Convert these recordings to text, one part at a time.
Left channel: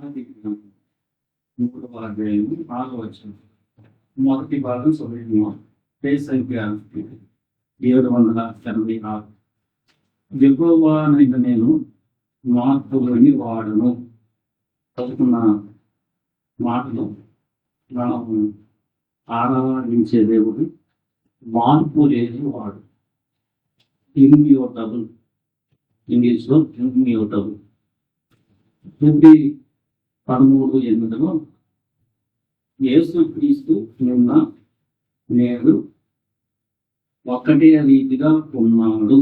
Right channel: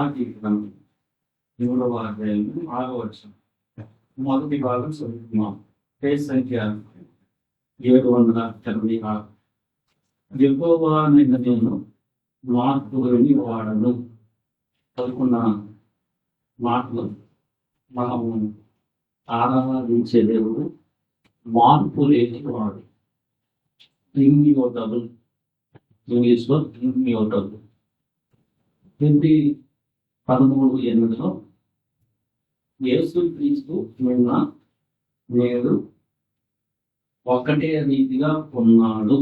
మలాకి గ్రంథం 3వ అధ్యాయము 6వ వచనం. మొదటి భాగం చదువుతున్నాం. పేజ్ సంఖ్య 786. యెహోవానైన నేను మార్పులేని వాడను. చదువుకున్న మాటలు మనము ఆరాధించే దేవుడు మార్పు లేని వాడు. ఇమ్యూటబుల్, ఇంగ్లీష్లో ఇమ్యూటబుల్. 13:8 యేసుక్రీస్తు నిన్న నేడు ఒక్కటే రీతిగా ఉన్నాడు.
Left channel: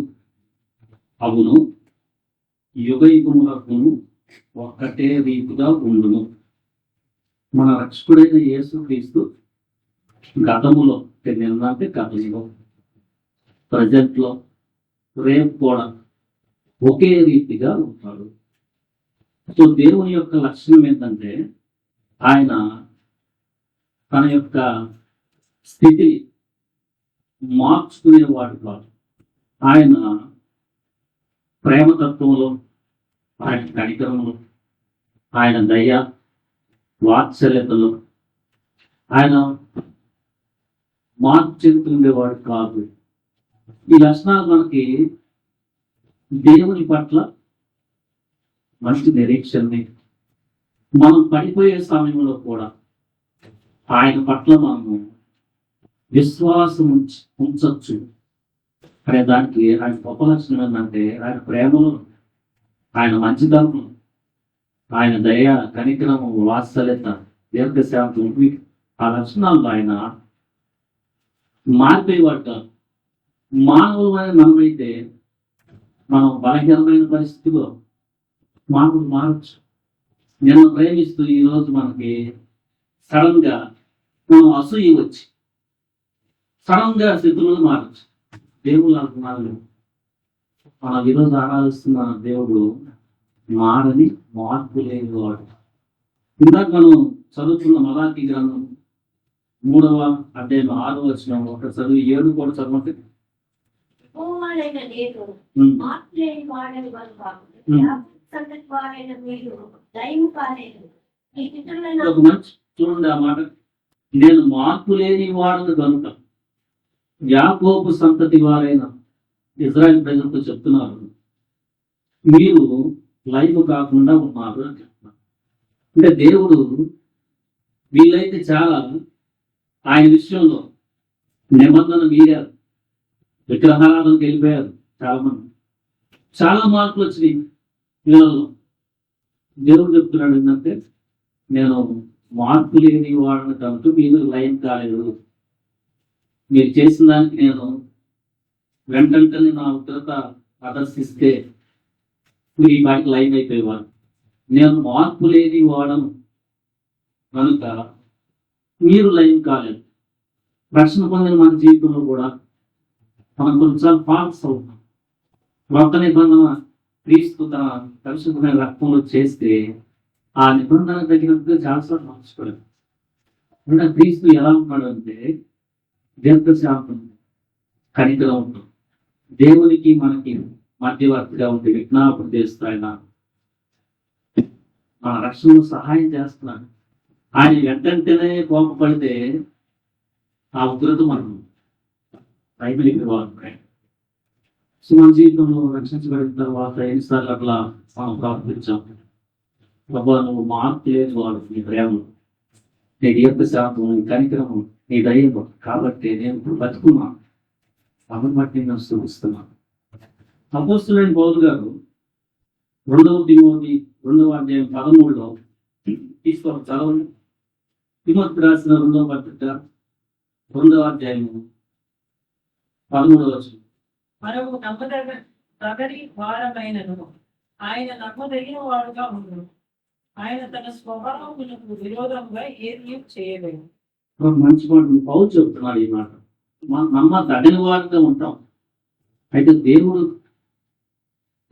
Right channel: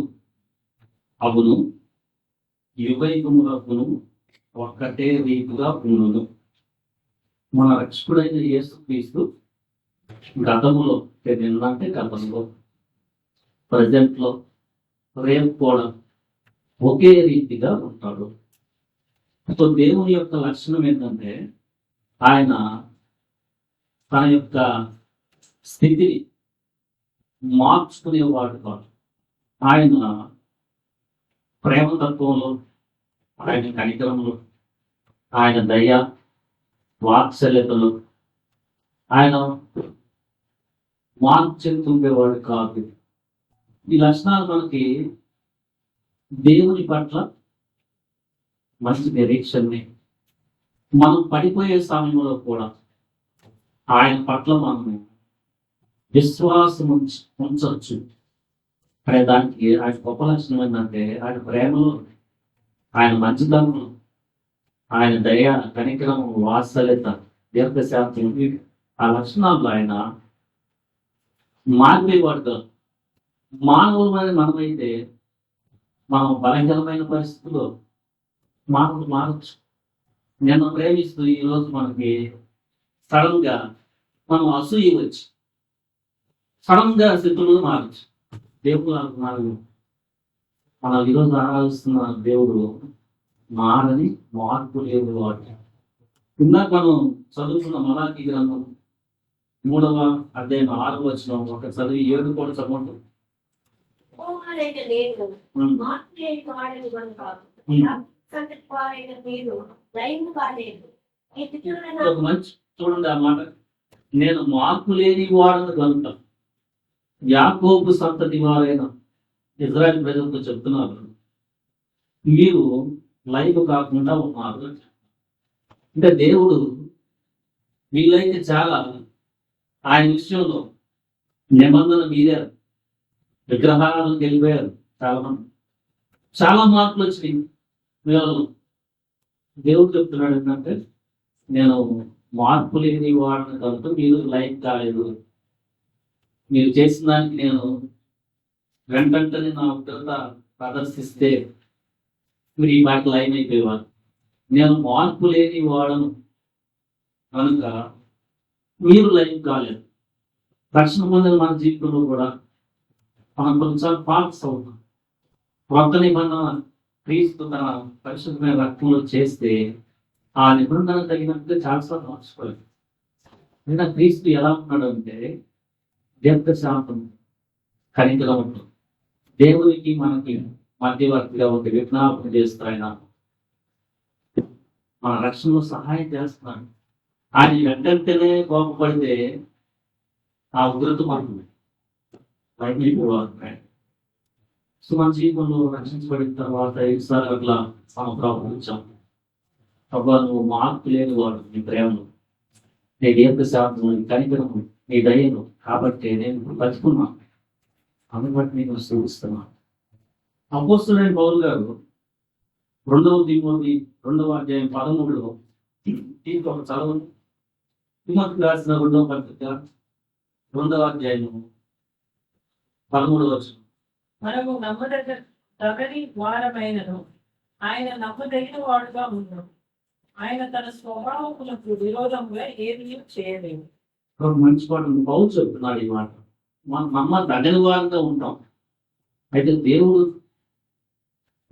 అవును, యుగయుగములకును ఒక్కటే రీతిగా ఉండును. మన రక్షకుడైన యేసుక్రీస్తు గతములో, నిన్న అంటే గతంలో, ప్రజెంట్లో, రేపు కూడా ఒకే రీతిగా ఉంటాడు. సో దేవుని యొక్క లక్షణం ఏంటంటే ఆయన తన యొక్క స్థితిని మార్చుకునేవాడు కాదు. ఆయన ప్రేమతత్వంలో, ఆయన కనికరంలో, ఆయన దయ వాత్సల్యతలో ఆయన మార్పు చెందుతుండేవాడు కాదు. ఈ లక్షణాలు మనకి దేవుని పట్ల మంచి నిరీక్షణని, మనం పడిపోయే సమయంలో కూడా ఆయన పట్ల మనము విశ్వాసం ఉంచవచ్చు అనే దానికి ఆయన గొప్ప లక్షణం ఏంటంటే ఆయన ప్రేమలో, ఆయన మంచితనంలో, ఆయన దయ కనికరం వాత్సల్యత దీర్ఘశాంతం, ఆ లక్షణాల్లో ఆయన మారిపోయేవాడు. మానవులమైన మనమైతే మనం బలహీనమైన పరిస్థితిలో మానవుడు మారచ్చు. నిన్న ప్రేమిస్తూ ఈరోజు మనకి సడన్ గా మనం అసూయ వచ్చి సడన్ గా స్థితులను మారచ్చు. దేవుడు మారలేదు. మనం ఈరోజు ఆరాధిస్తున్న దేవుడు మారని మార్పు లేని వాడు. ఇందాక మనం చదువుతున్న మలాకి గ్రంథం 3వ అధ్యాయం 6వ వచనం ఒక చదువు 7 కూడా చదవండి. చూడండి ఆ మాట, నేను మార్పు లేని వాడను కనుక యాకోబు సంతతి వారైన ఇజ్రాయెల్ ప్రజలతో చెప్తున్నారు, మీరు లైవ్ కాకుండా ఉన్నారు అని చెప్తున్నారు. అంటే దేవుడు వీళ్ళైతే చాలా ఆయన విషయంలో నిబంధన మీరారు, విగ్రహాలకు వెళ్ళిపోయారు. చాలా మంది చాలా మార్పులు వచ్చినాయి వీళ్ళలో. దేవుడు చెప్తున్నాడు ఏంటంటే నేను మార్పు లేని వాడిని కనుక మీరు లైవ్ కాలేదు. మీరు చేసిన దానికి నేను వెంటనే నా ఉగ్రత ప్రదర్శిస్తే మీరు ఈ బాకి లైవ్ అయిపోయేవాడు. నేను మార్పు లేని వాడను కనుక మీరు లైవ్ కాలేదు. రక్షణ పొందిన మన జీవితంలో కూడా మనం కొన్నిసార్లు పాస్ అవుతాం. కొత్త నిబంధన క్రీస్తు తన పరిశుద్ధమైన రక్తంలో చేస్తే ఆ నిబంధన తగినట్టుగా చాలాసార్లు మార్చుకోలేదు. ఇంకా క్రీస్తు ఎలా ఉన్నాడు అంటే దీర్ఘశాంతం, కనికరం ఉంటుంది. దేవునికి మనకి మధ్యవర్తిగా ఉంటే విజ్ఞాపన చేస్తూ ఆయన మన రక్షణలో సహాయం చేస్తున్నాడు. ఆయన వెంటనే కోపపడితే ఆ ఉగ్రత మనం అయిపోయేవారు. సో మన జీవితంలో రక్షించబడిన తర్వాత ఎన్నిసార్లు అట్లా ప్రవర్తించాం. ప్రభా, నువ్వు మార్పు లేని వాడు, నీ ప్రేమను, నీ దీర్ఘశాంతం, నీ కనికరము, నీ దయను, కాబట్టి నేను బతుకున్నాను, కాబట్టి నేను స్తుతిస్తున్నాను. అపోస్తలుడైన పౌలు గారు 2వ తిమోతి 2వ అధ్యాయం 13లో తీసుకోవాలి, చదవండి. తిమోతికి రాసిన 2వ పత్రిక 2వ అధ్యాయము 13వ వచనం. మనము నమ్మదగని వారమైనను ఆయన నమ్మదగిన వాడుగా ఉండను. ఆయన తన స్వభావములకు విరోధంగా ఏమీ చేయలేము. మంచి మాట పౌలు చెప్తున్నాడు. ఈ మాట మనం నమ్మదగిన వారుగా ఉంటాం. అయితే దేవుడు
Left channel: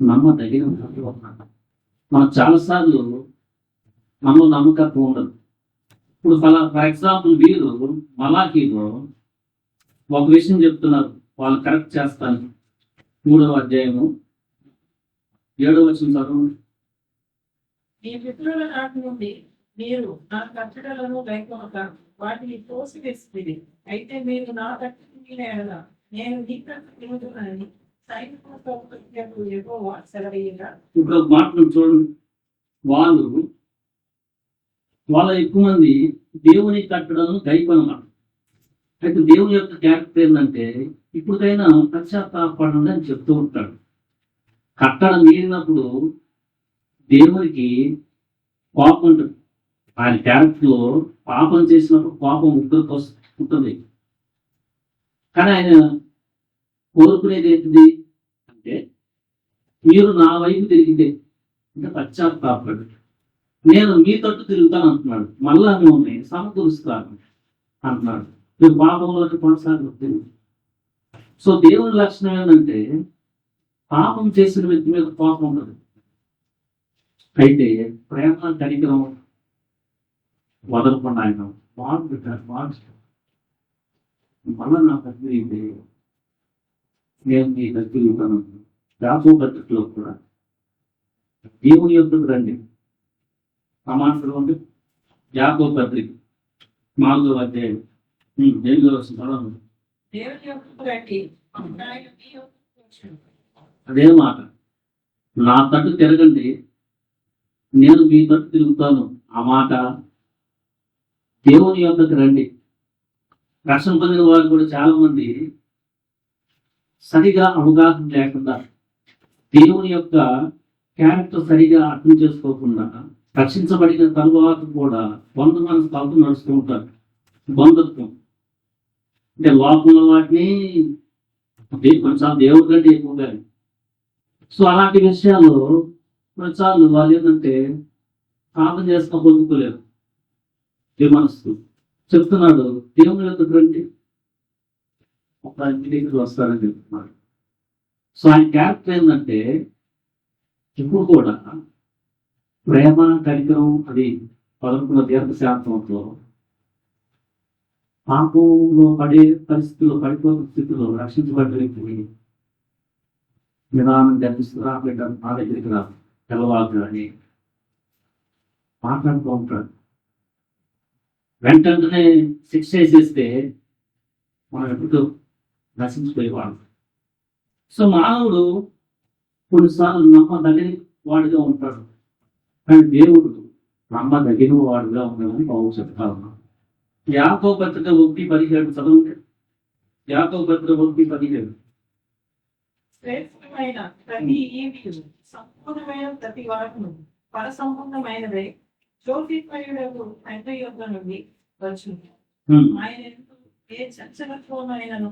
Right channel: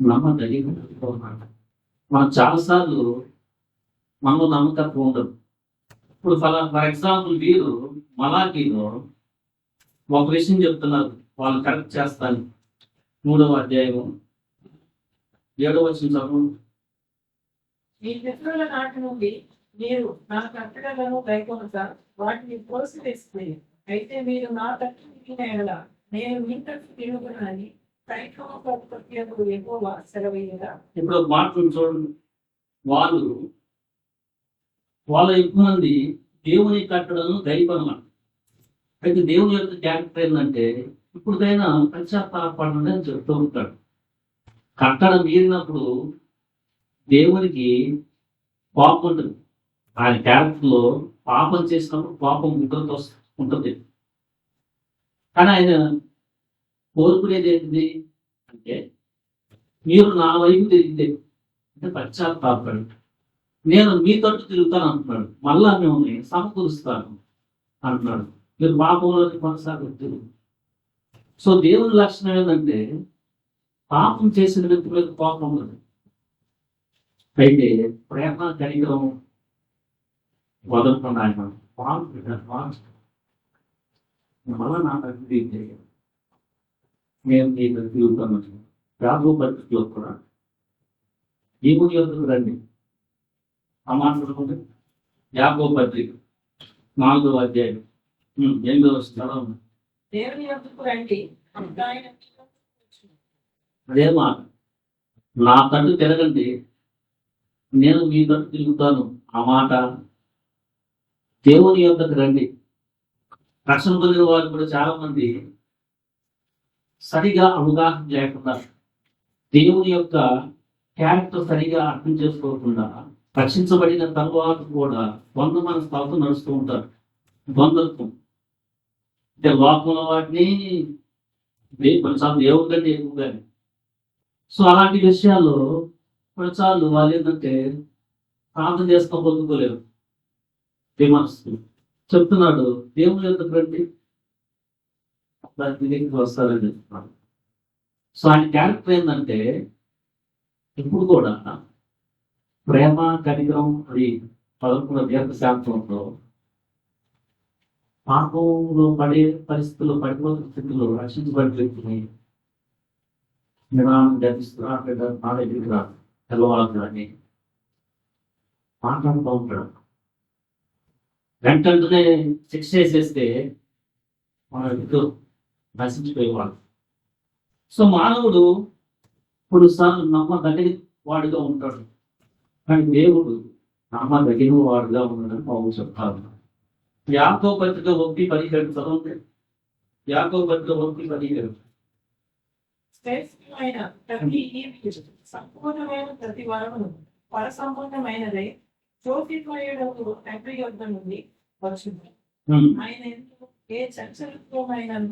నమ్మదగిన వారుగా ఉన్నాడు. మనం చాలాసార్లు మనలో నమ్మకత్వం ఉండదు. ఇప్పుడు ఫర్ ఎగ్జాంపుల్ వీరు మలాకీలో ఒక విషయం చెప్తున్నారు, వాళ్ళు కరెక్ట్ చేస్తాను. 3వ అధ్యాయము 7వ వచనం చదువు. మీ పితరుల నాటి నుండి మీరు నా కట్టడలను గైకొనక వాటిని ప్రోత్సహిస్తుంది. అయితే మీరు నా తట్టు తిరిగిన ఎడల నేను నీ తట్టు తిరుగుతున్నానని సైన్యము ప్రభుత్వకు యెహోవా సెలవీయగా. ఇప్పుడు ఒక మాట మీరు చూడండి. వాళ్ళ ఎక్కువ మంది దేవుని కట్టడలను గైకొనమాట. అయితే దేవుని యొక్క క్యారెక్టర్ ఏంటంటే ఇప్పుడుకైనా పశ్చాత్తాపడండి అని చెప్తూ ఉంటాడు. కట్టడం మీరినప్పుడు దేవునికి కోపం ఉంటుంది. ఆయన క్యారెక్టర్లో పాపం చేసినప్పుడు కోపం ఉగ్రత ఉంటుంది. కానీ ఆయన కోరుకునేది ఏంటిది అంటే మీరు నా వైపు తిరిగితే అంటే పశ్చాత్తాపడు, నేను మీ తట్టు తిరుగుతాను అంటున్నాడు. మళ్ళా మిమ్మల్ని సమకూరుస్తాను అంటున్నాడు. మీరు పాపంలోకి కొనసాగుతుంది. సో దేవుని లక్షణం ఏంటంటే పాపం చేసిన వ్యక్తి మీద కోపం ఉండదు. అయితే ప్రేమ కనికరం వదలకుండా ఆయన మళ్ళా నా తగ్గితే నేను ఈ తగ్గిరుగుతాను. యాకోబు పత్రికలో కూడా దేవుని యొద్దకు రండి. సమాంతరం ఉంది. యాకోబు పత్రిక 4వ అధ్యాయం 8వ వచనం. దేవుని యొద్దకు రండి, ఆయన మీ యొద్దకు వచ్చును. అదే మాట, నా తట్టు తిరగండి, నేను మీ తట్టు తిరుగుతాను. ఆ మాట దేవుని యొద్దకు రండి. రక్షణ పొందిన వారు కూడా చాలా మంది సరిగా అవగాహన లేకుండా దేవుని యొక్క క్యారెక్టర్ సరిగా అర్థం చేసుకోకుండా రక్షించబడిన తరువాత కూడా బంధుమైన స్థాయితో నడుస్తూ ఉంటారు. బంధుత్వం అంటే లోకంలో వాటిని కొన్నిసార్లు దేవుడి కంటే ఎక్కువగానే. సో అలాంటి విషయాలు కొన్నిసార్లు వాళ్ళు ఏంటంటే ప్రార్థన చేస్తా పొందుకోలేరు. మనసు చెప్తున్నాడు దేవుని యొక్క రండి, దానికి దగ్గరికి వస్తారని చెప్తున్నాడు. సో ఆయన క్యారెక్టర్ ఏంటంటే ఇప్పుడు కూడా ప్రేమ కనికరం అది 11వ దీర్ఘశాంతంలో పాపంలో పడే పరిస్థితుల్లో పడిపోతున్న స్థితిలో రక్షించబడిన వ్యక్తిని నిదానం గర్భిస్తున్నా నా దగ్గరికి రా తెల్లవాళ్ళు అని మాట్లాడుతూ ఉంటాడు. వెంటనే శిక్ష వేసేస్తే మనం ఎప్పుడు నశించిపోయేవాడు. సో మానవుడు కొన్నిసార్లు నమ్మదగిన వాడుగా ఉంటాడు, కానీ దేవుడు నమ్మదగిన వాడుగా ఉన్నాడని బాబు చెప్తారు. యాకోబు పత్రిక 1:17 చదవండి. యాకోబు పత్రిక 1:17. శ్రేష్టమైన ప్రతి ఈవియు సంపూర్ణమైన ప్రతి వరమును పరసంపూర్ణమైనదై జ్యోతిర్మయుడకు తండ్రి యొద్ద నుండి వచ్చును. ఆయన ఎందుకు ఏ చంచలత్వమైనను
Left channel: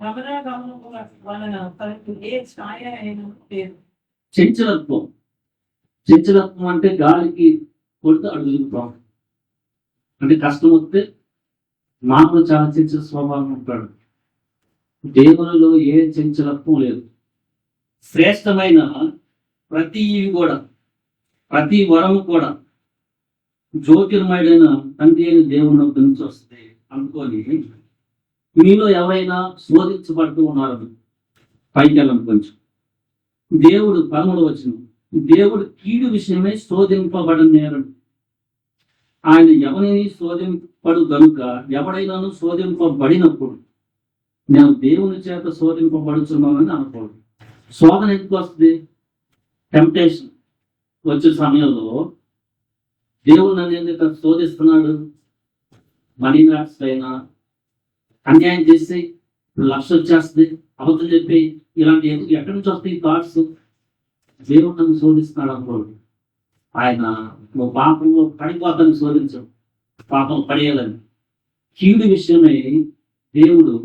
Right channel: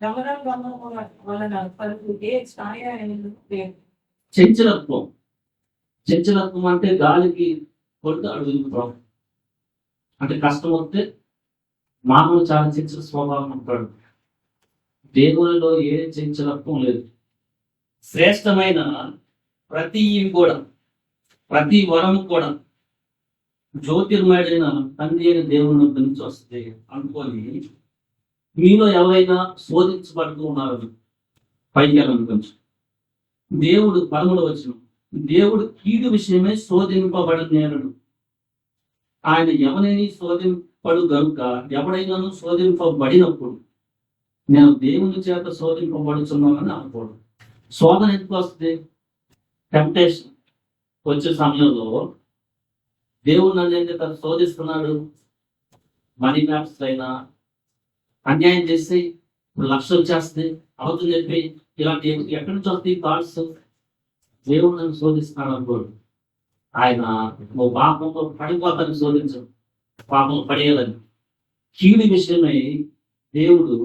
గమనాగమనముల వలన పలుకు ఏ ఛాయ అయినను లేదు. చంచలత్వం అంటే గాలికి కొడుతూ అడుగుతాం. అంటే కష్టం వస్తే మానవులు చాలా చంచల స్వభావం ఉంటాడు. దేవునిలో ఏ చంచలత్వం లేదు. శ్రేష్టమైన ప్రతి కూడా ప్రతి వరం కూడా జ్యోతిర్మయుడైన తండ్రి అయిన దేవుని నుంచి వస్తుంది అనుకొని మీలో ఎవరైనా శోధించబడుతూ ఉన్నారు పైకి వెళ్ళండి కొంచెం. దేవుడు 13వ వచనం, దేవుడు కీడు విషయమే శోధింపబడి నేరడు. ఆయన ఎవరైనా శోధింపడు గనుక ఎవడైనాను శోధింపబడినప్పుడు నేను దేవుని చేత శోధింపబడుతున్నానని అనుకోడు. శోధన ఎందుకు వస్తుంది? టెంప్టేషన్ వచ్చే సమయంలో దేవుడు నన్ను ఎందుకు శోధిస్తున్నాడు? మనీ మ్యాప్స్ అయినా అన్యాయం చేస్తే లక్ష వచ్చేస్తుంది, అవతలు చెప్పి ఇలాంటి ఎక్కడి నుంచి వస్తాయి థాట్స్? దేవుడు నన్ను శోధిస్తున్నాడు అనుకోడు. ఆయన నువ్వు పాపంలో పడిపోతాను శోధించడు, పాపం పడేయాలని. కీడు విషయమై దేవుడు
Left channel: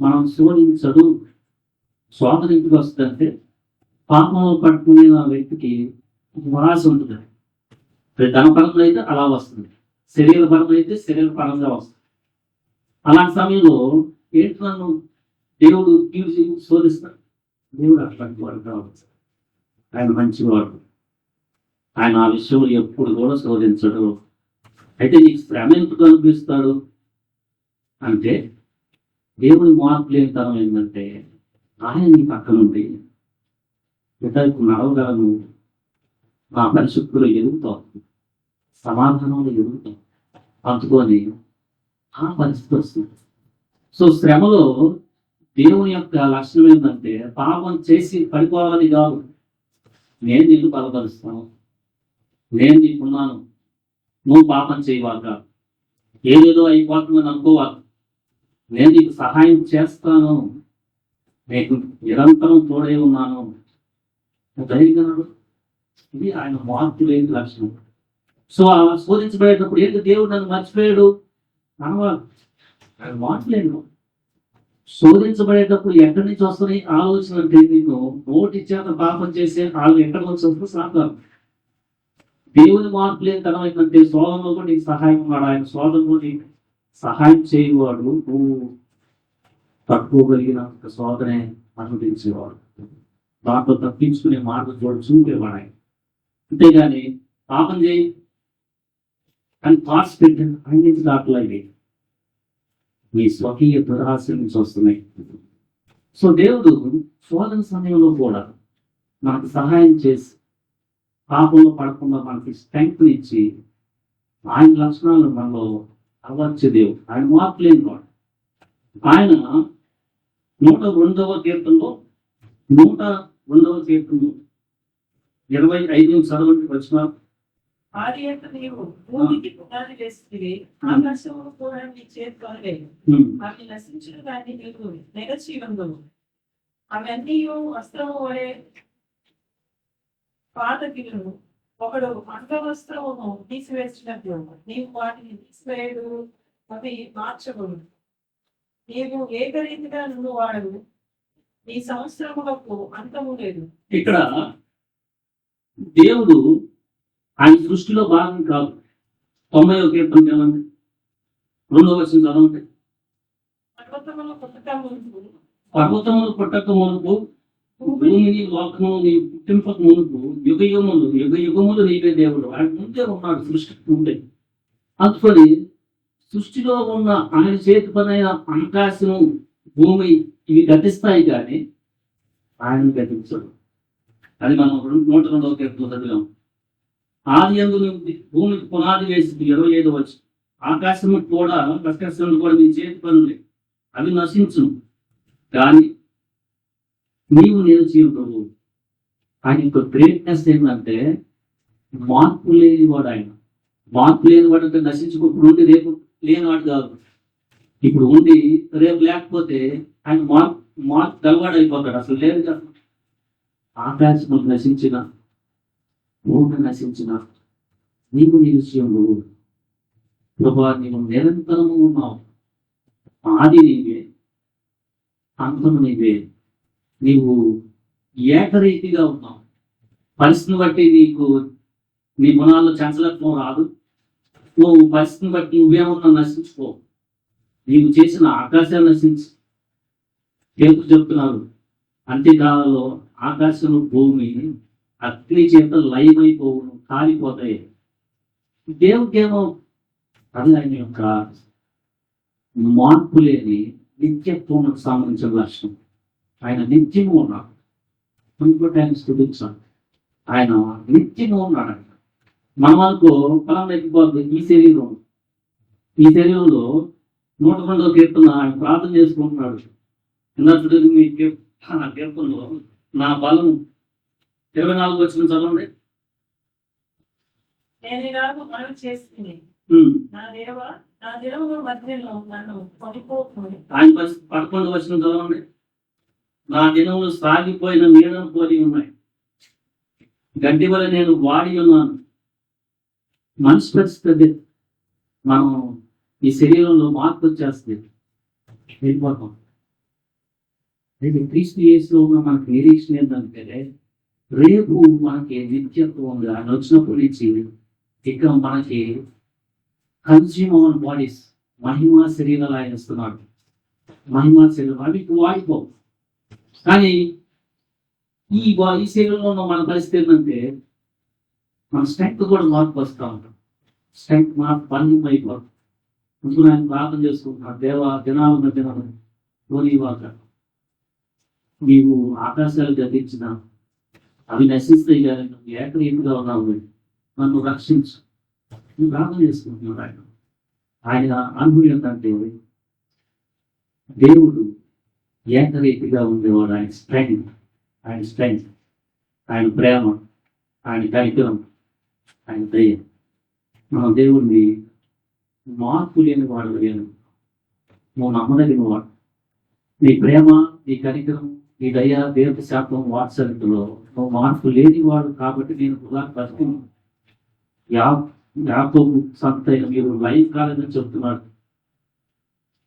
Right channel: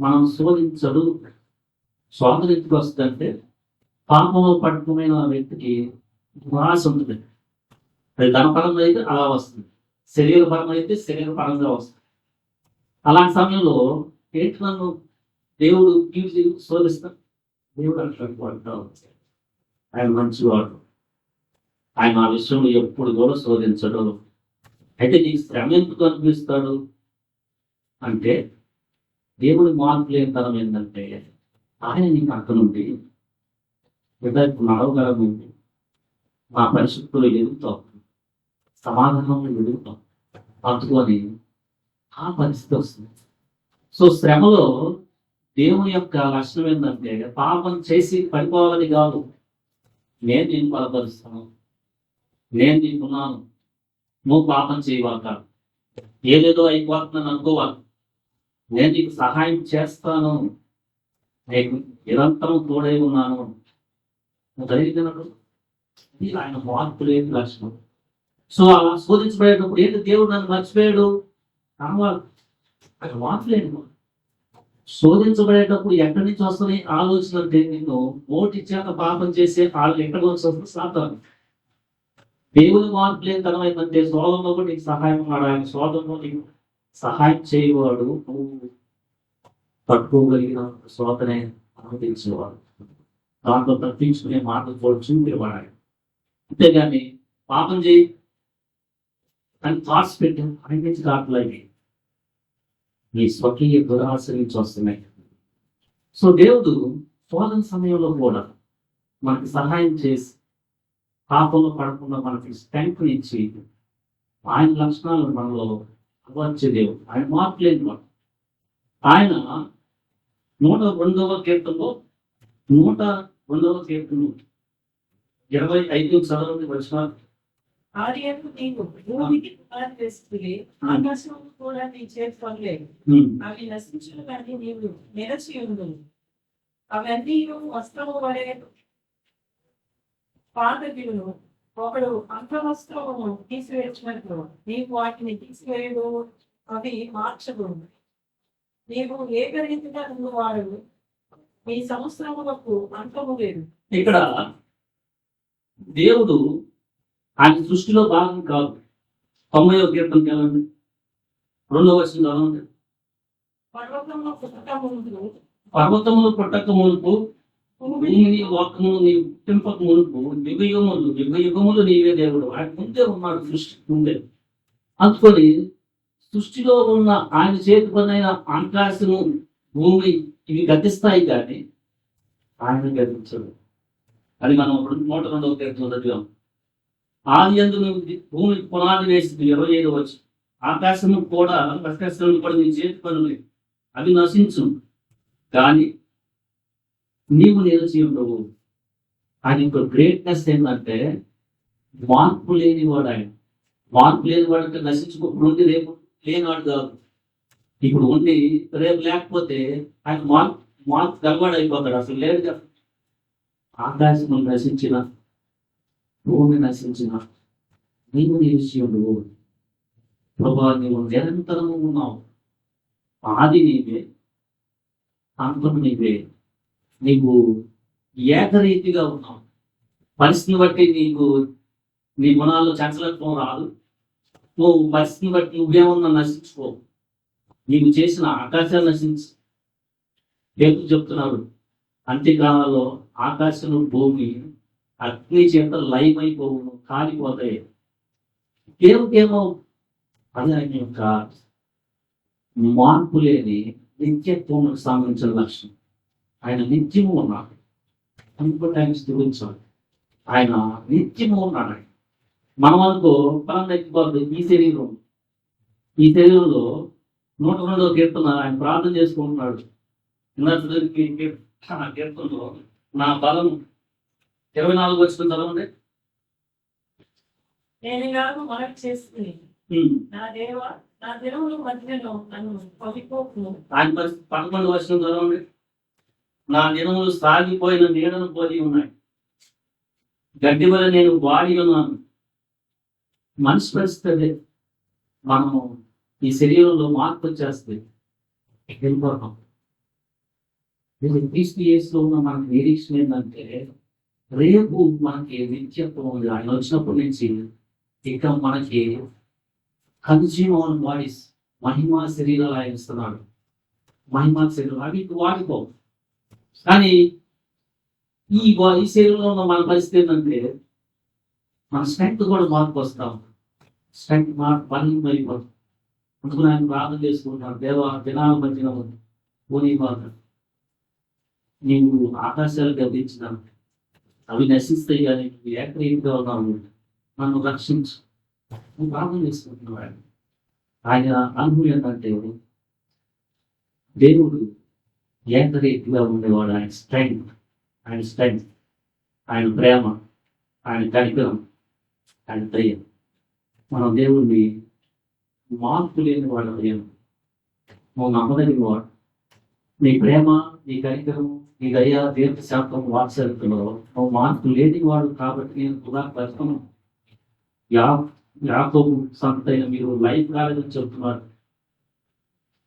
మనం శోధించడు. శోధన ఎందుకు వస్తుందంటే పాపంలో పట్టుకునే వ్యక్తికి వాస ఉంటుంది. ధనపరంగా అయితే అలా వస్తుంది, శరీరపరంగా అయితే శరీరపరంగా వస్తుంది. అలాంటి సమయంలో ఏంటి నన్ను దేవుడు కీడు శోధిస్తాడు? దేవుడు అట్లాంటి వాడు కాదు. ఆయన మంచివాడు. ఆయన ఆ విషయంలో ఎప్పుడు కూడా శోధించడు. అయితే నీకు శ్రమ ఎందుకు అనిపిస్తాడు అంటే దేవుడి మార్పు లేని తరం ఏంటంటే ఆయన నీ పక్కనుండి ఇప్పుడు నడవగలను, మా పరిశుద్ధులు ఎదుగుతాం, సమాధానంలో ఎదుగుతాం, అందుకొని ఆ పరిస్థితి వస్తుంది. సో శ్రమలో దేవుని యొక్క లక్షణం ఏంటంటే పాపం చేసి పడిపోవాలని కాదు. నేను నిన్ను బలపరుస్తాను, నేను నీకున్నాను, నువ్వు పాపం చేయవాక, ఏదేదో అయిపోతుందని అనుకోవాలి. నేను నీకు సహాయం చేస్తాను, నీకు నిరంతరం తోడై ఉన్నాను, ధైర్యంగా. ఇది ఆయన మార్పు లేని లక్షణం. సో అలా శోధించబడేటప్పుడు ఏంటి, దేవుడు నన్ను మర్చిపోయాడు అనవాలి. ఆయన మార్పు లేని వాడు. శోధించబడేటప్పుడు ఎక్కడి నుంచి వస్తుంది ఆలోచన అంటే, నిన్ను నోటి చేత పాపం చేసే వాళ్ళు ఎక్కడి నుంచి వస్తుంది సాతాను. దేవుని మార్పు లేని తనం ఏంటంటే శోధంలో కూడా నీకు సహాయం వాడు. ఆయన శోధంలో నీకు సహాయం చేయవాడు, నువ్వు తట్టుకోగలిగిన శోధనే అనుమతించేవాడు, దాంట్లో తప్పించుకునే మార్గం కూడా చూపేవాడు ఆయన. అంతేగాని పాపం చేయి అని థాట్స్ పెట్టాను ఆయన నుంచి దాంట్లో ఇవి ఈ స్వకీయ దురాశ నుంచి వస్తున్నాయి. సో దేవుడు శోధన సమయంలో కూడా మనకు సహాయం చేసి పాపంలో పడకుండా మనకి స్ట్రెంగ్త్ ఇచ్చి ఆయన లక్షణాలను మనలో అలవర్చే దేవుడు. ఆయన మార్పు లేని వాడు. ఆయన 102వ కీర్తనలో 102వ కీర్తనలో 25 చదవండి వచ్చిన. ఆది యొక్క నీవు భూమికి పునాది వేస్తుంది, ఆకాశము కూడా నీ చేతి పనులే. అవి నశించును కానీ నీవు నిలచి ఉండును. అవన్నీ వస్త్రము వలె పాతగిలును, ఒకడు అంగవస్త్రమును తీసివేసినట్లు నీవు వాటిని తీసివేయడు, అవి మార్చబడు. నీవు ఏకరీతిగా నువ్వు వాడు, నీ సంవత్సరములకు అంతము లేదు. ఇక్కడ దేవుడు ఆయన సృష్టిలో భాగం కాదు. 90వ కీర్తన చదవండి, 2వ వచనం చదవండి. పర్వతములు పుట్టక ముందు, పర్వతములు పుట్టక మునుపు, భూమిని లోకము నీ పుట్టింపక మునుపు, యుగ యుగములు నీవే దేవుడు. ఆయన ముందే ఉన్నాడు, సృష్టికి ముందే. అందుకొని సృష్టిలో ఉన్న ఆయన చేతి పనైన ఆకాశము భూమి ఇవి గతిస్తాయి కానీ ఆయన గతించడు. అది మనం 102వ కీర్తన చదివాం. ఆది యందు భూమికి పునాది వేసింది 25వ వచనం. ఆకాశము కూడా ప్రకాశములు కూడా నీ చేతి పనులే, అవి నశించు కానీ నీవు నిలిచి ఉండవు. ఆయన యొక్క గ్రేట్నెస్ ఏంటంటే మార్పు లేనివాడు. ఆయన మార్పు లేనివాడు అంటే నశించుకోప్పుడు ఉండి రేపు లేనివాడు కాదు. ఇప్పుడు ఉండి రేపు లేకపోతే ఆయన మార్పు గలవాడు అయిపోతాడు. అసలు లేదు కదా. ఆకాశము నశించిన, భూమి నశించిన, నీవు నిలిచి ఉండవు. ప్రభా, నీవు నిరంతరము ఉన్నావు. ఆది నీవే, అంతము నీవే. నీవు ఏకరీతిగా ఉన్నావు. పరిస్థితిని బట్టి నీ గుణాల్లో చంచలత్వం రాదు. నువ్వు పరిస్థితిని బట్టి నువ్వేమన్నా నశించుకో. నీవు చేసిన ఆకాశాలు నశించు. పేరు చెప్తున్నారు, అంత్యకాలంలో ఆకాశం భూమి అగ్ని చేత లయమైపోవును, కాలిపోతాయి. దేవుడికేమో అది ఆయన యొక్క మార్పు లేని నిత్యత్వం సంబంధించిన లక్షణం. ఆయన నిత్యము ఉన్నాడు. ఇంకోటి ఆయన స్థుతించాలి, ఆయన నిత్యము ఉన్నాడు. ఆయన మన వరకు పలానా ఎక్కిపోతుంది. ఈ శరీరంలో 102వ కీర్తన ఆయన ప్రార్థన చేసుకుంటున్నాడు. మీ కీర్తనలో నా బలం 24 వచనం చదవండి. నేను ఇలాగూ మనవి చేస్తుంది, నా దేవా, నా దినముల మధ్యలో నన్ను పడిపోకును. ఆయన 11వ వచనం చదవండి. నా దినములు సాగిపోయిన నీడను పోలి ఉన్నాయి, గడ్డి వల్ల నేను వాడి ఉన్నాను. మనిషి పరిస్థితి మనం ఈ శరీరంలో మార్పు వచ్చేస్తే వెళ్ళిపోతాం. క్రీస్తు యేసులో ఉన్న మనకి నిరీక్షణ ఏంటంటే రేపు మనకి నిత్యత్వం ఉంది. ఆయన వచ్చినప్పటి నుంచి ఇక మనకి కన్జ్యూమర్ బాడీస్, మహిమా శరీరాలు ఆయన ఇస్తున్నాడు. మహిమా శరీరం అవి వాడిపో. కానీ ఈ శరీరంలో ఉన్న మన పరిస్థితి ఏంటంటే మన స్ట్రెంగ్త్ కూడా మార్పు వస్తూ ఉంటాం. స్ట్రెంగ్త్ మార్పు పని అయిపోతుంది. అందుకని ఆయన ప్రార్థన చేసుకుంటున్నాడు, దేవా, దినాల మధ్యన పోనీవాక, నీవు ఆకాశాలు గతించిన, అవి నశిస్తాయి కానీ నువ్వు ఏకరీతిగా ఉన్నావు, నన్ను రక్షించు. నువ్వు ప్రార్థన చేసుకుంటున్నావు. ఆయన అనుభవం ఏంటంటే దేవుడు ఏకరీతిగా ఉండేవాడు. ఆయన స్ట్రెంగ్త్, ఆయన ప్రేమ, ఆయన కనికరం, ఆయన దయ. మనం దేవుణ్ణి మార్పు లేని వాడు లేను. నువ్వు నమ్మదగిన వాడు. నీ ప్రేమ, నీ కనికరం, నీ దయ, దీర్ఘశాంతం, వాత్సల్యతలో నువ్వు మార్పు లేని వాడు. కాబట్టి నేను కూడా ప్రస్తుతం యాకోబు సంతైన మీరు లైఫ్ కాలేదని చెప్తున్నాడు.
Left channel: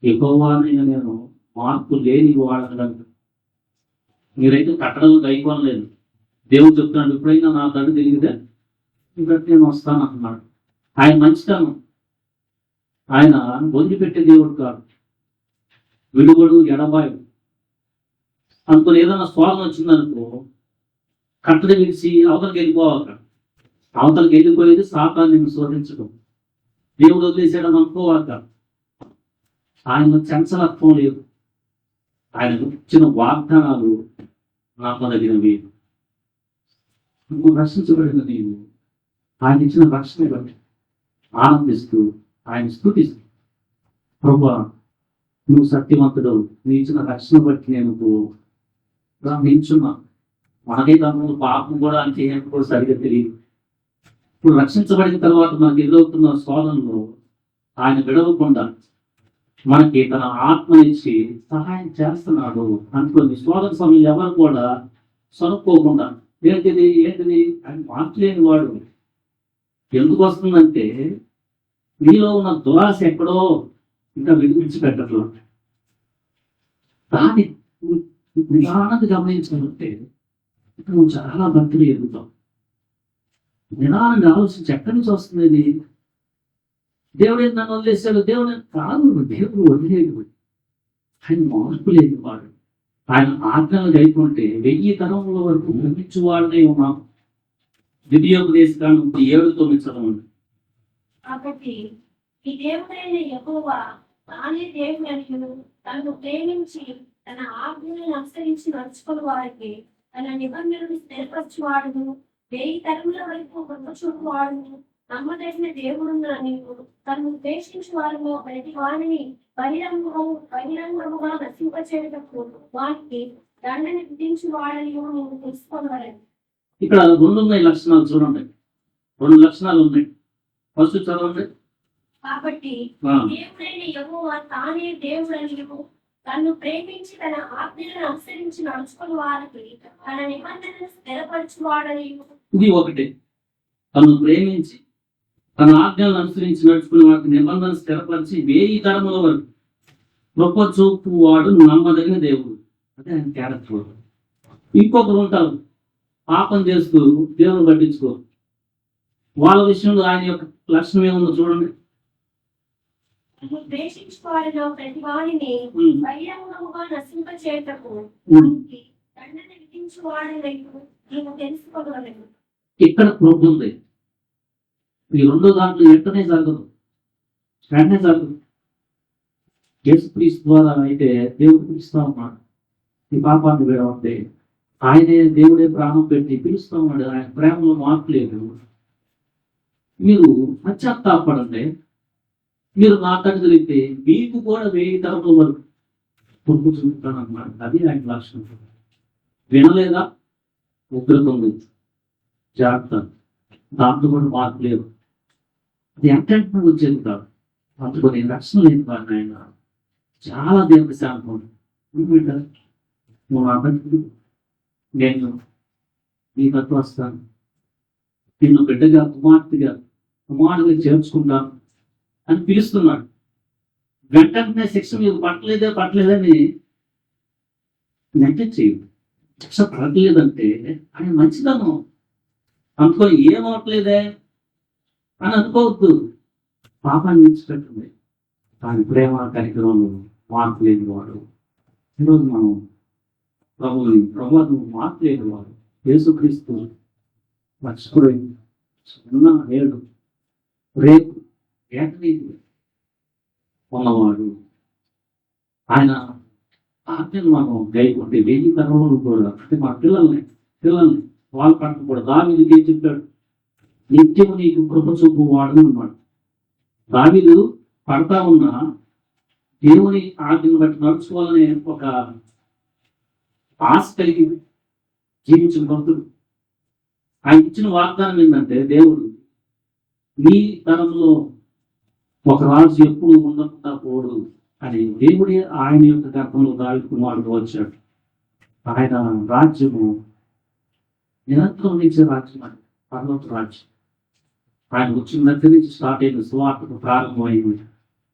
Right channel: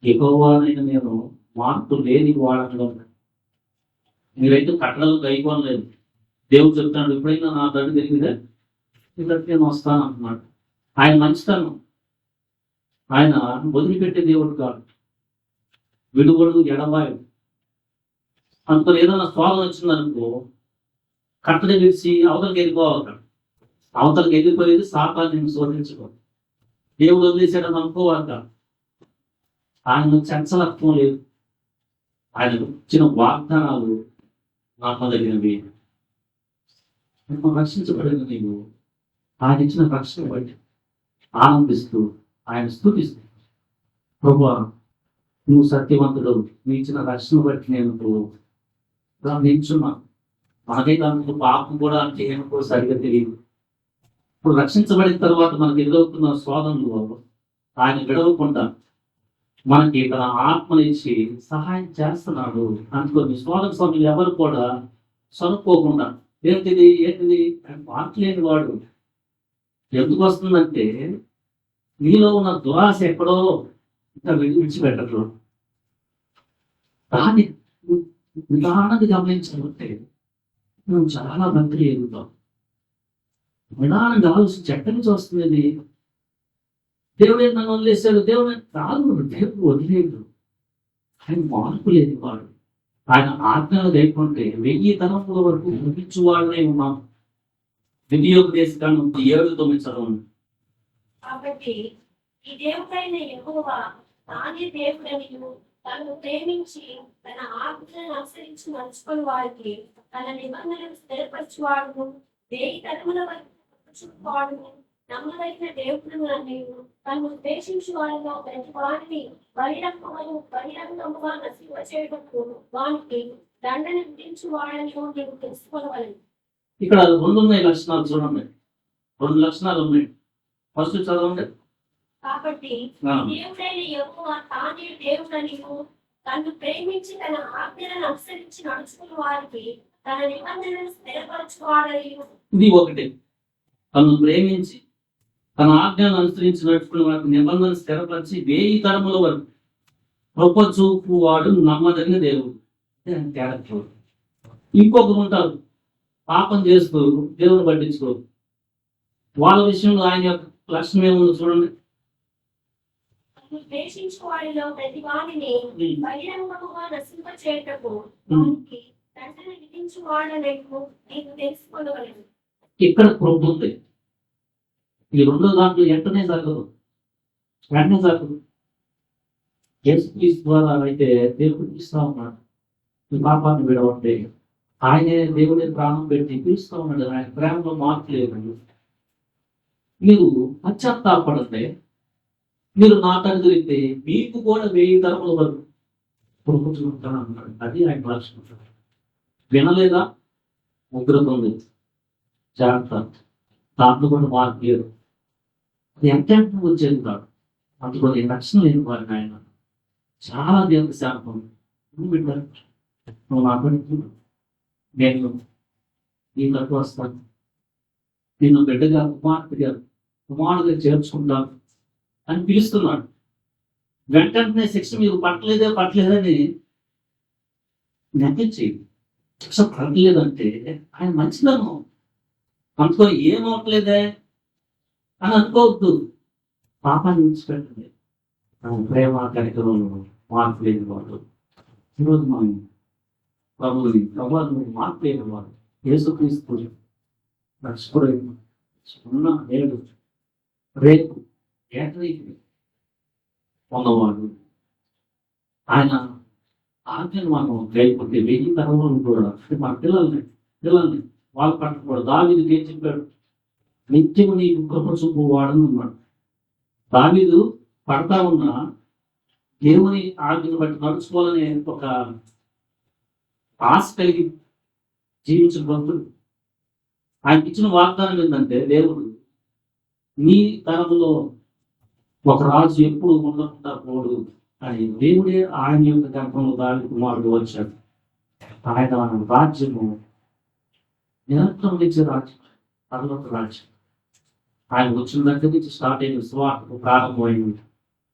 యెహోవానైనా నేను మార్పు లేని వాడగలను. మీరైతే కట్టడలు గైకోనలేదు. దేవుడు చెప్తున్నాడు, ఎప్పుడైనా నా తండ్రి తెలియదే నీ దగ్గర నేను వస్తాను అంటున్నాడు. ఆయన మంచితనం. ఆయన వదిలిపెట్టే దేవుడు కాదు, విడుబడు ఎడబాయు. అనుకుని ఏదైనా స్వాగం వచ్చిందనుకో కట్టడి విడిచి అవతలకి వెళ్ళిపోవాలి. అవతలకి వెళ్ళిపోయేది సాతాన్ని నేను శోధించడం. దేవుడు వదిలేసాడని అనుకోవాలి. ఆయన చంచలత్వం లేదు. ఆయన ఇచ్చిన వాగ్దానాలు నమ్మదగినవి. నువ్వు రక్షించబడిన నీవు ఆయన ఇచ్చిన రక్షణ బట్టి ఆనందిస్తూ ఆయన స్తుతిస్తూ, ప్రభువా నువ్వు సత్యవంతుడు, నీ ఇచ్చిన రక్షణ బట్టి నేను నిల్చున్నా. మనకైతే ముందు పాపం కూడా అంటే ఏమో కూడా సరిగ్గా తెలియదు. ఇప్పుడు రక్షించబడిన తర్వాత మనకి ఎదురవుతున్న శోధనలో ఆయన విడవకుండా మనకి తన ఆత్మనిచ్చి సహాయం చేస్తున్నాడు అనుకోని శోధన సమయంలో ఎవరు కూడా సనుక్కోకుండా ఏంటిది అని మాట్లాడలేని వాడు. ఎందుకు వస్తుందంటే నీలో ఉన్న దురాశ ఎక్కడో ఇంకా విడిచిపెట్టట్లేదు. దాన్ని నిదానంగా గమనించాలంటే నువ్వు చాలా భక్తులు ఎదుగుతావు. నిదానంగా ఆలోచించి ఎక్కడి నుంచి వస్తుంది? దేవుడు నన్ను వదిలేశాడు, దేవుడు కాదు. దేవుడు వదిలేదు. ఆయన మార్పు లేని వాడు. ఆయన ఆజ్ఞలు గైకుంటే 1000 తరముల వరకు భ్రమించు వాళ్ళనే ఉన్నాం. ద్వితీయోపదేశకాండం 7:9 చదవండి. కాబట్టి ఈ దేవుడైన యెహోవా తానే దేవుడనియు తనను ప్రేమించి తన ఆజ్ఞలను అనుసరించి నడుచుకుని వారికి తన నిబంధనను స్థిరపరచువాడును 1000 తరముల వరకు కృపచూపువాడును నమ్మదగిన దేవుడునని తను ఉద్దేశించు వారిలో ప్రతి వారిని బహిరంగముగా నశింపచేయటకు వానికి దండన విధించు వాడని నేను తెలుసుకోగలను. ఇక్కడ 2 ఉన్నాయి లక్షణాలు చూడండి. 2 లక్షణాలు ఉన్నాయి. ఫస్ట్ చదవండి. కాబట్టి దేవుడైన యెహోవా తానే దేవుడనియు తన్ను ప్రేమించి తన ఆజ్ఞలను అనుసరించి నడుచుకుని వారికి తన నిబంధనను స్థిరపరచువాడని. ఇది ఒకటి. తను ప్రేమించి తన ఆజ్ఞలను అనుసరించి నడుచుకునే వారికి నిబంధన స్థిరపరిచి 1000 తరముల వరకు గొప్ప చూపు వాడు నమ్మదగిన దేవుడు. అదే ఆయన క్యారెక్టర్. ఇంకొకరు ఉంటారు పాపం చేస్తూ దేవుని పట్టించుకో. వాళ్ళ విషయంలో ఆయన యొక్క లక్షణం ఏముందో చూడండి. ద్వేషించు వారిలో ప్రతి వారిని బహిరంగముగా నశింపచేయటకు వారికి దండన విధించు వాడనకు నేను తెలుసుకోగలను. ఇక్కడ కృప ఉంది. ఈ 2 దాంట్లో వెంటనే జరగదు. యేసుక్రీస్తు ద్వారా అయితే దేవుడు పిలుస్తా ఉన్నాడు. ఈ పాపాన్ని విడవండి. ఆయనే దేవుడే ప్రాణం పెట్టి పిలుస్తా ఉన్నాడు. ఆయన ప్రేమలో మార్పు లేదు. మీరు పశ్చాత్తాపడండి. మీరు నా తండ్రి మీకు కూడా 1000 తరముల వరకు కొడుకు చూపుతాను అన్నాడు. అది ఆయన లక్షణం. వినలేదా? ఉగ్రత ఉంది, జాగ్రత్త. దాంట్లో కూడా మార్పు లేదు. అది ఎంతెంటనే వచ్చేది కాదు. అందుకని రక్షణ లేని వారిని ఆయన చాలా దేవుడి శాంతం. నువ్వు బిడ్డ, నువ్వు నా తండ్రి, నేను నీ తట్టు వస్తాను, నిన్ను బిడ్డగా కుమారుడిగా చేర్చుకుంటాను అని పిలుస్తున్నాడు. వెంటనే శిక్ష మీకు పట్టలేదని నెగ్లెక్ట్ చేయదు. శిక్ష పడట్లేదంటే ఆయన మంచిదనం. అందుకో ఏమవట్లేదే అని అనుకోవద్దు. పాపాన్ని విడిచిపెట్టండి. ఆయన ప్రేమ కనికరం మార్పు లేని వాడు. ఈరోజు మనం ప్రభువును మార్పు లేని వాడు యేసుక్రీస్తు రక్షకుడు ఉన్న నేడు రేపు ఏకరీతి ఉన్నవాడు. ఆయన ఆజ్ఞలు మనం గైపోతే 1000 తరములు కూడా అంటే మన పిల్లల్ని వాళ్ళు పట్టకూడదు. దావీదుకి ఏం చెప్పాడు? నిత్యము నీకు కృప చూపు వాడను అన్నాడు. దావీదు పడతా ఉన్న దేవుని ఆజ్ఞను బట్టి నడుచుకోవాలనే ఒక ఆశ కలిగి జీవించిన భక్తుడు. ఆయనకి ఇచ్చిన వాగ్దానం ఏంటంటే, దేవుడు నీ తరంలో ఒక రాజు ఎప్పుడు ఉండకుండా పోడు అని దేవుడే ఆయన యొక్క గర్భంలో దావీదు కుమారుడు వచ్చాడు. ఆయన రాజ్యము నిరంతరం నిలిచే రాజ్యం, అని పర్వత రాజ్యం. ఆయన వచ్చిన దగ్గర నుంచి స్టార్ట్ అయిన సువార్తకు ప్రారంభమైంది.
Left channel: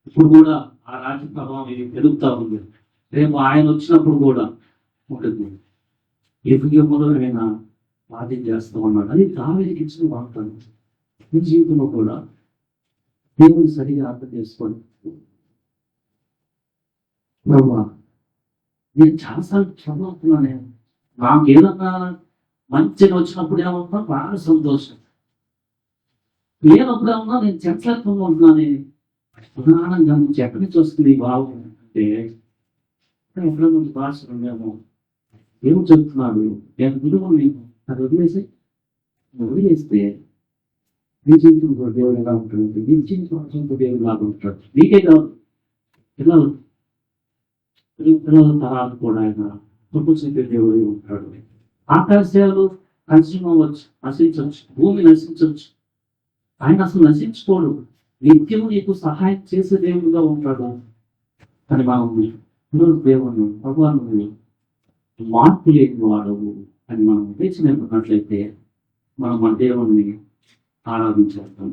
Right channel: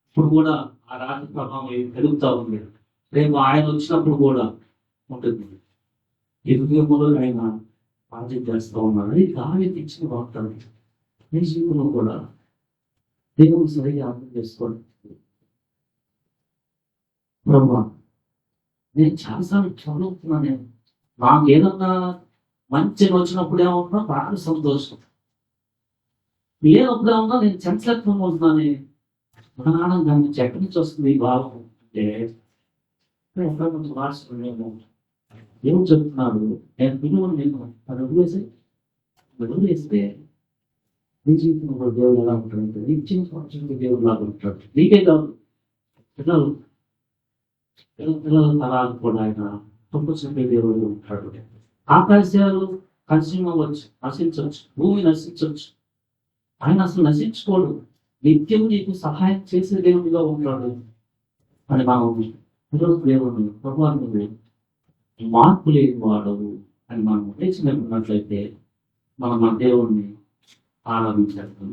ఇప్పుడు కూడా ఆ రాజ్య ప్రభావం పెరుగుతూ ఉంది. రేపు ఆయన వచ్చినప్పుడు కూడా ఉంటుంది. ఎదుగులో ఆయన రాజ్యం చేస్తూ ఉన్నాడు. అది దావీదుకి ఇచ్చిన వాగ్దానం. నీ జీవితంలో కూడా దేవుని సరిగా అర్థం చేసుకోండి. ప్రభా, నేను చాలాసార్లు చదువుతున్నాను. నాకు ఏదన్నా మంచిగా వచ్చినప్పుడు ఏమవుతున్నా బాగా సంతోషం, లేనప్పుడు ఏమన్నా నేను చంచలత్వంగా ఉంటున్నాను. ప్రధానంగా నుంచి ఎక్కడి నుంచి వస్తుంది ఈ భావం అంటే, ఎక్కడి నుంచి రాస్తున్నామేమో ఏం చెప్తున్నాడు, నేను విలువను నేను అది వదిలేస్తే నీ జీవితం కూడా దేవుడు ఎలా ఉంటాడు, నీ జీవితం దేవుడు లాగా ఉంటాడు. నీకే కాదు, పిల్లలు తరాలు కూడా ఆయన పంపించే దేవుడు ఉంటాడు. ఆకాశాలు కలిసిమవచ్చు, నశించవచ్చు, భూమి నశించవచ్చు, ఆయన అసలు నశించుకోడు. నిత్యము నీకు సహాయం చేసే దేవుడుగా ఉంటాడు అని మనం ఈరోజు దేవుని భగవాను మార్పు లేని వాడవు అని మనం నేర్చుకున్నట్లయితే మనం మన దేవుణ్ణి ఆరాధించేస్తాం.